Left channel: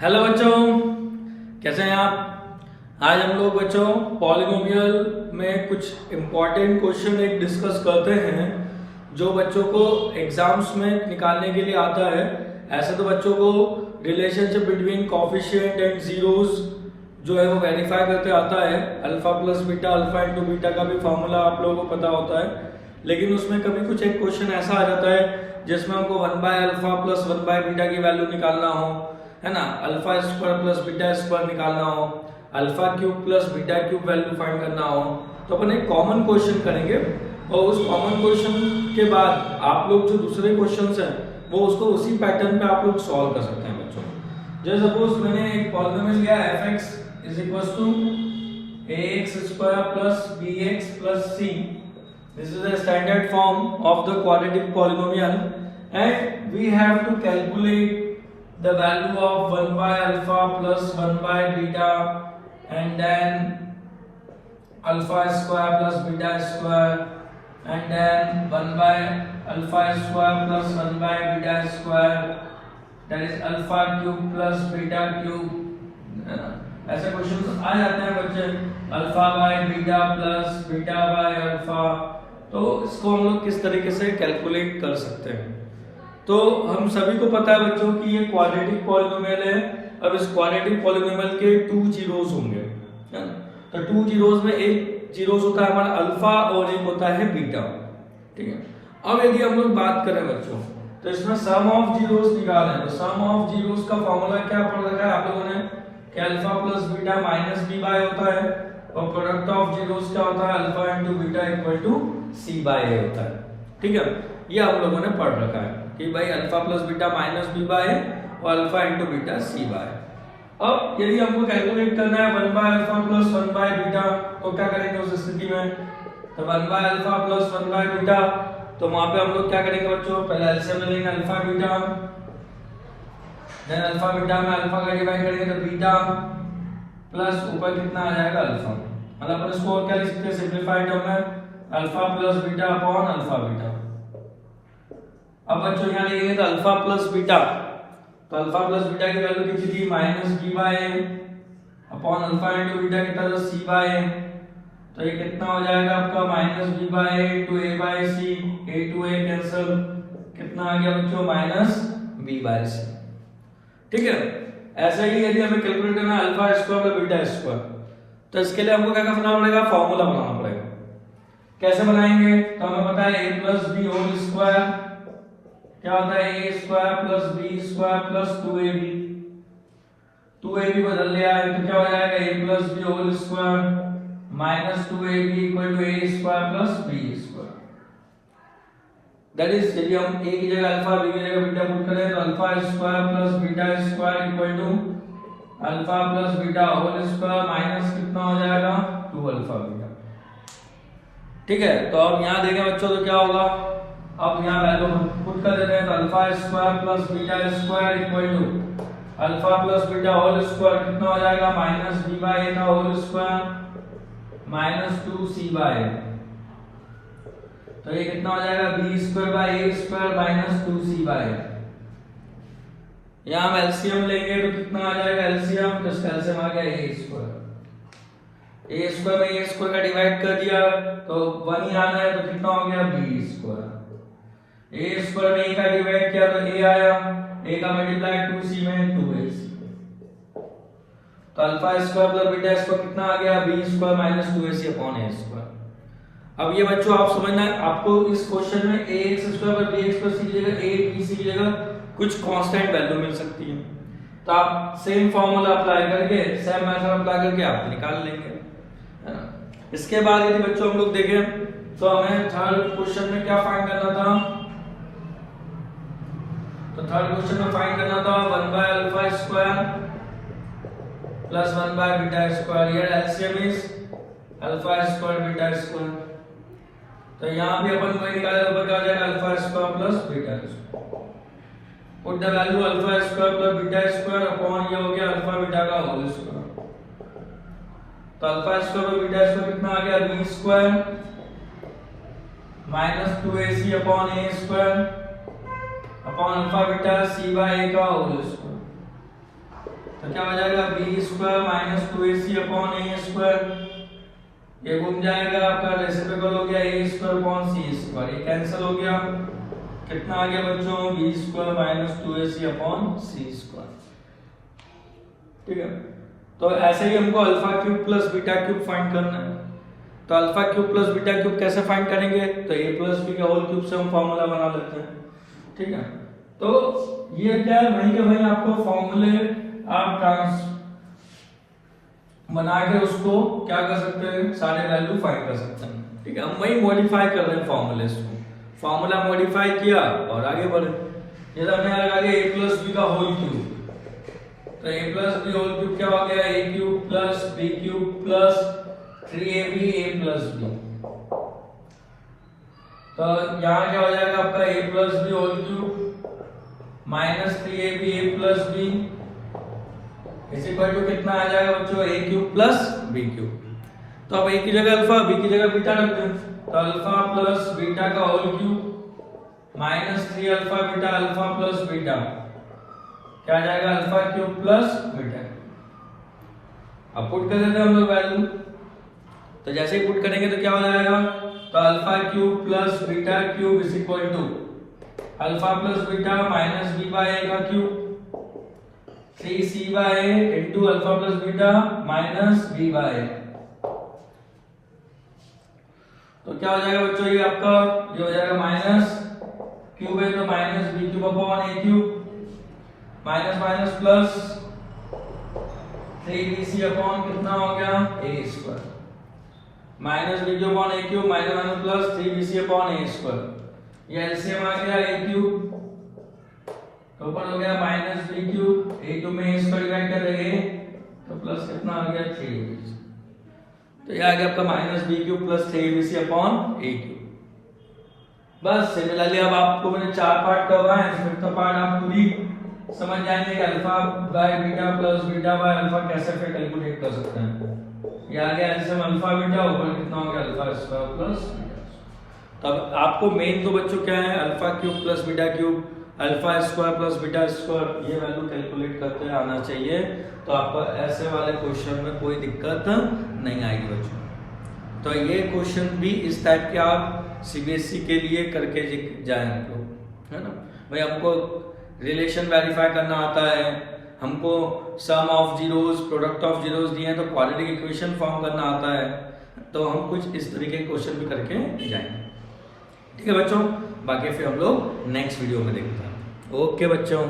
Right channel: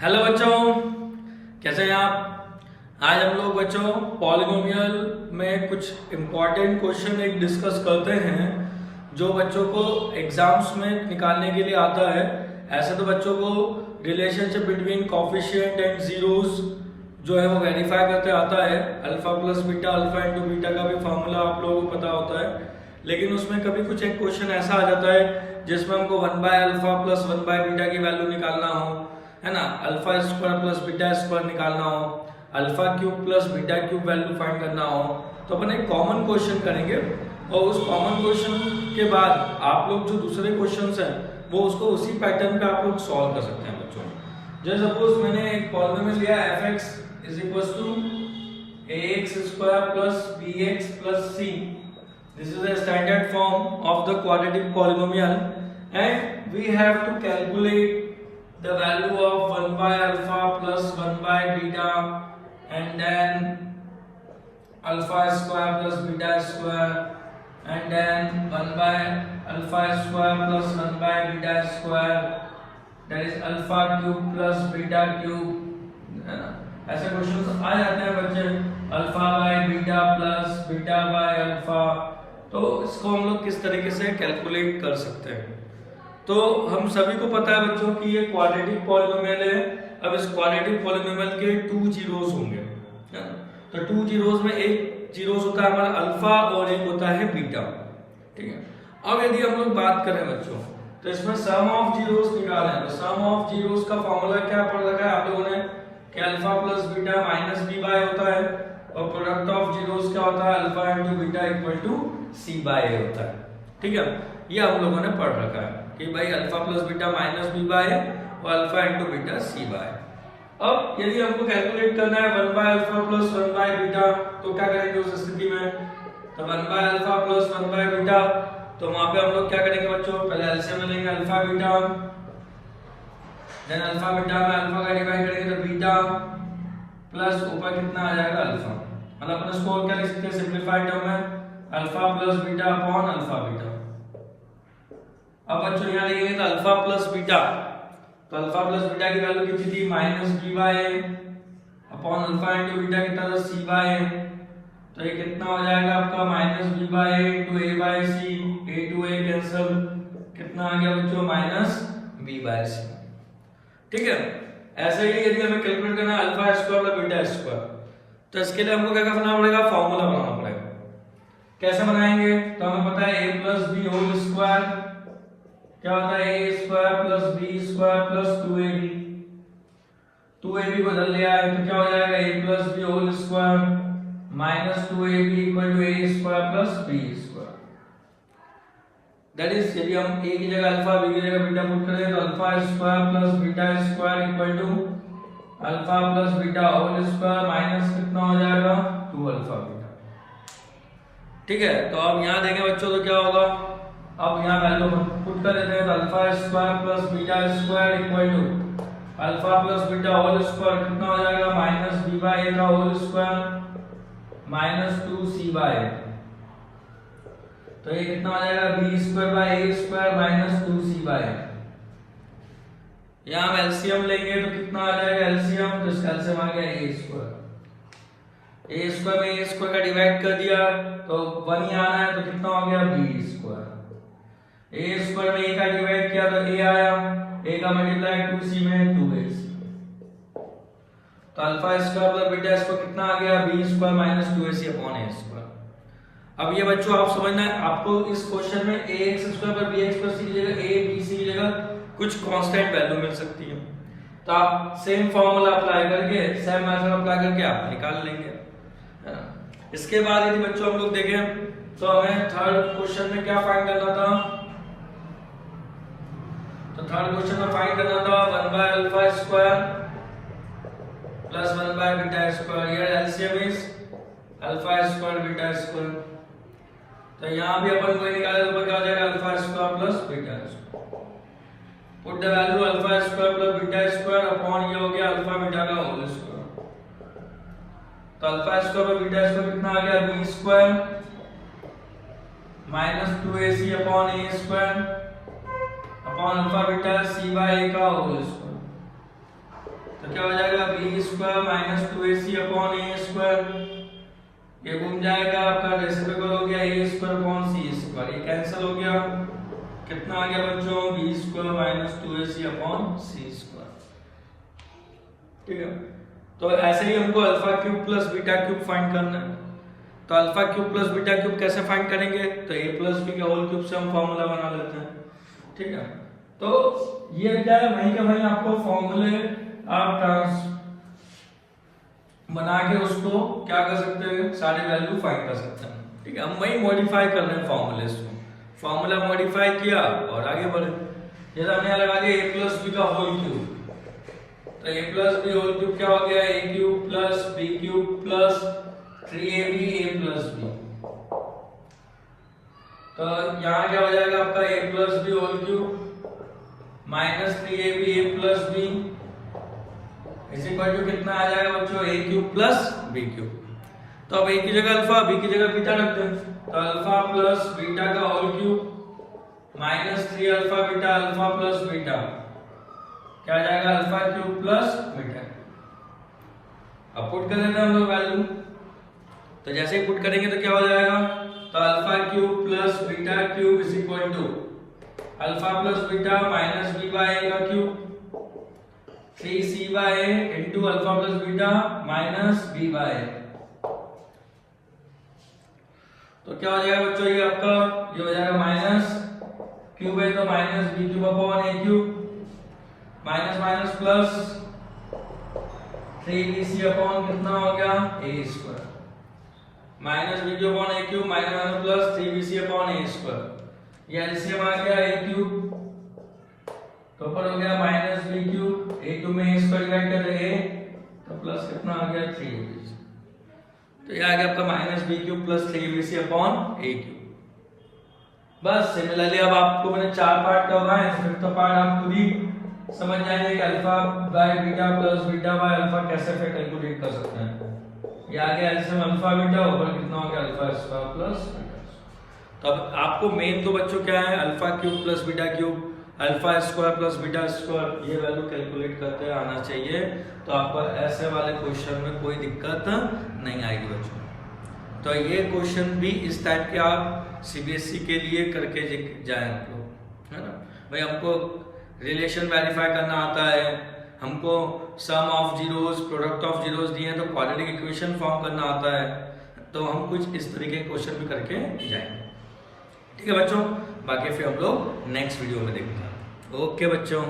Hello बच्चों, कैसे हैं आप। आज हम लोग बच्चों पॉलिनोमियल में कुछ इम्पोर्टेंट क्वेश्चन एक डिस्कस करते हैं जो बच्चों को एग्जाम्स में निकालने के लिए आता है। ऐसे तो बच्चों को relationship between coefficient and zeros जो है वो वेरीफाई करते आता है। Alpha plus beta, alpha into beta का भी फॉर्मूला आप लोगों को पता होता है, लेकिन उसमें कभी कुछ एक क्वेश्चन ऐसा आ जाता है जिसमें हमको 1/अल्फा प्लस 1/बीटा की वैल्यू निकालना हो, है ना। Alpha square plus beta square निकालना हो, alpha cube plus beta cube value find करना हो, तो अपन एक कॉमन क्वेश्चन करेंगे और उस कॉमन क्वेश्चन के बाद आप लोग जो दूसरे क्वेश्चंस हैं वो उसको उसी पैटर्न पे आप लोग सॉल्व कर सकते हैं बच्चों। जैसे सपोज मैंने एक पॉलिनोमियल लिया fx is equal to ax square plus bx plus c। This is a standard form of the quadratic polynomial and we have to calculate the value of 1/alpha plus 1/beta and then alpha square plus beta square and then 1/alpha square plus 1/beta square, that is alpha cube plus beta cube, है ना। ऐसे question आ जाते हैं बच्चे, alpha by beta plus beta by alpha. तो इसको हम लोग किस तरीके से कैलकुलेट कर सकते हैं। तो हम सभी को पता है बच्चों कि ये क्वाड्रेटिक पॉलिनोमियल है। अब इस क्वाड्रेटिक पॉलिनोमियल के 2 जीरोस होंगे, है ना। तो 2 जीरोस में एक जीरोस होता है हमारा अल्फा और एक होता है बीटा, ठीक है। अब यदि हम लोग बात करें बच्चों तो इसमें सम ऑफ जीरोस निकालना है। तो सम ऑफ जीरोस का फॉर्मूला क्या पढ़ रखा है आप लोगों ने कि alpha plus beta minus B by होता है और प्रोडक्ट ऑफ जीरोस क्या होता है, alpha into beta equal to C by A होता है, ठीक है। ये हम लोगों ने पढ़ रखा है कि भाई alpha plus beta minus B by और alpha into beta C by. अब यदि हमको कैलकुलेट करना है 1/अल्फा प्लस 1/बीटा तो क्या करेंगे उस स्थिति में। तो 1/अल्फा प्लस 1/बीटा, तो वहां पे हम लोग क्या करेंगे बच्चों, पहले एलसीएम लेंगे alpha beta, then alpha beta में अल्फा का डिवाइड करेंगे तो बीटा प्लस ऊपर कितना आ जाएगा अल्फा, मतलब अपन इसको क्या लिख सकते हैं सिंपलीफाइड टर्म में alpha plus beta upon alpha beta. अब बच्चों यहाँ लिखेंगे तो अल्फा प्लस बीटा, तो अल्फा प्लस बीटा की वैल्यू कितनी थी minus B by A upon alpha into beta कितना था सी बाय ए। तो ये कितना हो जाएगा आपका minus B by A to A by C, A to A cancel, कितना आ गया बच्चों माइनस बी बाय सी, ठीक है। ऐसे ही यदि हमें कैलकुलेट करना है alpha square by beta square, तो इसके लिए हमको क्या करना पड़ेगा, फॉर्मूला बनाना पड़ेगा। कैसे बनाएंगे, तो हमें पता है a plus B whole square क्या होता है, a square plus B square plus 2ab। 2ab को बदल लिया है तो क्या हो जाएगा a plus B whole square minus 2ab equal to a square plus b square. That is यदि हम a की जगह अल्फा b की जगह बीटा पुट करें तो alpha square plus beta square equal to alpha plus beta whole square minus कितना हो जाएगा 2 अल्फा बीटा, ठीक है। तो अब यहाँ देखें बच्चों तो क्या होगा, अब यहाँ वैल्यू पुट कर देते हैं तो alpha square plus beta square equal to alpha plus beta whole square कितना हो जाएगा माइनस बी बाय ए का whole square minus 2c by A. तो ये कितना हो जाएगा B square by A square minus 2c by A. यहाँ हम एलसीएम लेंगे तो कितना आ जाएगा एलसीएम, तो इसका एलसीएम आ गया ए स्क्वायर। ए स्क्वायर में ए स्क्वायर का डिवाइड कर दिया तो 1 ही आना है तो कितना हो गया बी स्क्वायर। ए स्क्वायर में ए का डिवाइड किया तो ए आया, ए का मल्टीप्लाई 2c में 2ac। तो alpha square plus beta square कितना आ गया B square minus 2ac upon A square. अब ये बच्चों आप समझना है, आपको इस क्वेश्चन में ax स्क्वायर पर bx प्लस c की जगह a b c की जगह कुछ कांस्टेंट वैल्यू मिल सकती है, तो आप सेम फार्मूला अप्लाई करके सेम मेथड अप्लाई करके आप निकाल लेंगे, है ना। इसके बाद यदि बच्चों हम लोग देखें तो हमें थर्ड क्वेश्चन में क्या फाइंड करना था, तो थर्ड क्वेश्चन में फाइंड करना था 1/अल्फा स्क्वायर प्लस 1/बीटा square, here LCM is alpha square beta square. तो यहाँ भी अपन को निकाला तो क्या हो जाएगा alpha square plus beta square, put the value alpha square plus beta square upon ये हो गया अल्फा बीटा का होल स्क्वायर। तो alpha square plus beta square कितना आ गया B square minus 2ac upon A square upon alpha beta c by a का whole square. तो क्या हो जाएगा B square minus 2ac upon A square, ये घूम जाएगा आपका रेसिप्रोकल हो गया A square upon C square, ये कैंसिल हो गया, कितना आ गया बच्चों B square minus 2ac upon C square. ठीक है, तो ऐसे ही हमको alpha cube plus beta cube find करना है। तो alpha cube plus beta cube कैसे फाइंड करेंगे, तो ए प्लस बी का होल क्यूब से हम फॉर्मूला बना लेते हैं। ठीक है, तो ये क्या है वहीं के वहीं आपको फॉर्मूले आप ट्रांस बना के उसको क्या कर सकते हैं, सारे वैल्यू फाइंड कर सकते हैं। ठीक है, हम वही मॉडिफाई कर रहे हैं फॉर्मूले को, फॉर्मूला मॉडिफाई किया और आगे बढ़े। जैसे हमने लगा दिया ए प्लस बी का होल क्यूब, तो A plus B whole cube क्या हो गया A cube plus B cube plus 3ab a plus B. तो यहाँ क्या हो जाएगा आपका a plus B whole cube minus 3ab a plus B इस इक्वल टू कितना आ जाएगा बच्चों a cube plus b cube. तो अब a की जगह अल्फा b की जगह बीटा रखते हैं, तो अल्फा प्लस बीटा का whole cube minus 3 alpha beta alpha plus beta क्या आ जाएगा अल्फा क्यूब प्लस बीटा। अब पुट कर देते हैं हम लोग वैल्यू, तो जैसे ही पुट करेंगे तो क्या हो जाएगा, तो alpha cube plus beta cube is equal to alpha plus beta minus B by A का cube 3c by A into alpha plus beta minus B by A. तो क्या हो जाएगा बच्चों, ये आपका ये हो जाएगा माइनस क्यूब है तो minus B cube upon A cube minus minus plus 3bc upon कितना हो गया A square minus B cube upon A cube minus minus plus 3bc upon A square, ये एलसीएम आ गया ए क्यूब तो ऊपर हो गया minus B cube A cube में ए स्क्वायर डिवाइड कर दे तो प्लस कितना आ गया 3bc, तो ये आ गया आपका minus B cube plus 3bc upon A cube. बस सिमिलरली अब आपको मैंने 4 पार्ट करवाए हैं, फिफ्थ पार्ट आप खुद ही समझ जाएंगे कि alpha by beta plus beta by alpha कैसे फिर कैलकुलेट कर सकते हैं। ये आ गया एलसीएम अल्फा बीटा ऊपर कितना हो गया अल्फा स्क्वायर प्लस बीटा। तो अब आपको मेन तो बच्चों क्या है alpha cube plus beta cube alpha square plus beta square ये वैल्यू कैलकुलेट करते आना चाहिए, तो आपको ऐसे वाले क्वेश्चन में कोई दिक्कत नहीं आएगी बच्चों। तो ये क्वेश्चन भी इस टाइप के आप सीबीएसई के लिए करके जाएं आप लोग, है ना भाई। हमको रिलेशन वेरीफाई करना आता है, हमको sum of zeros product of zeros दिए हैं तो क्वाड्रेटिक इक्वेशन फॉर्म करना आता है, तो हम कुछ इस तरीके के क्वेश्चन भी करके जाएंगे। ठीक है बच्चों, बाकी फिर हम लोग नेक्स्ट वीडियो में देखते हैं। ओके बच्चों।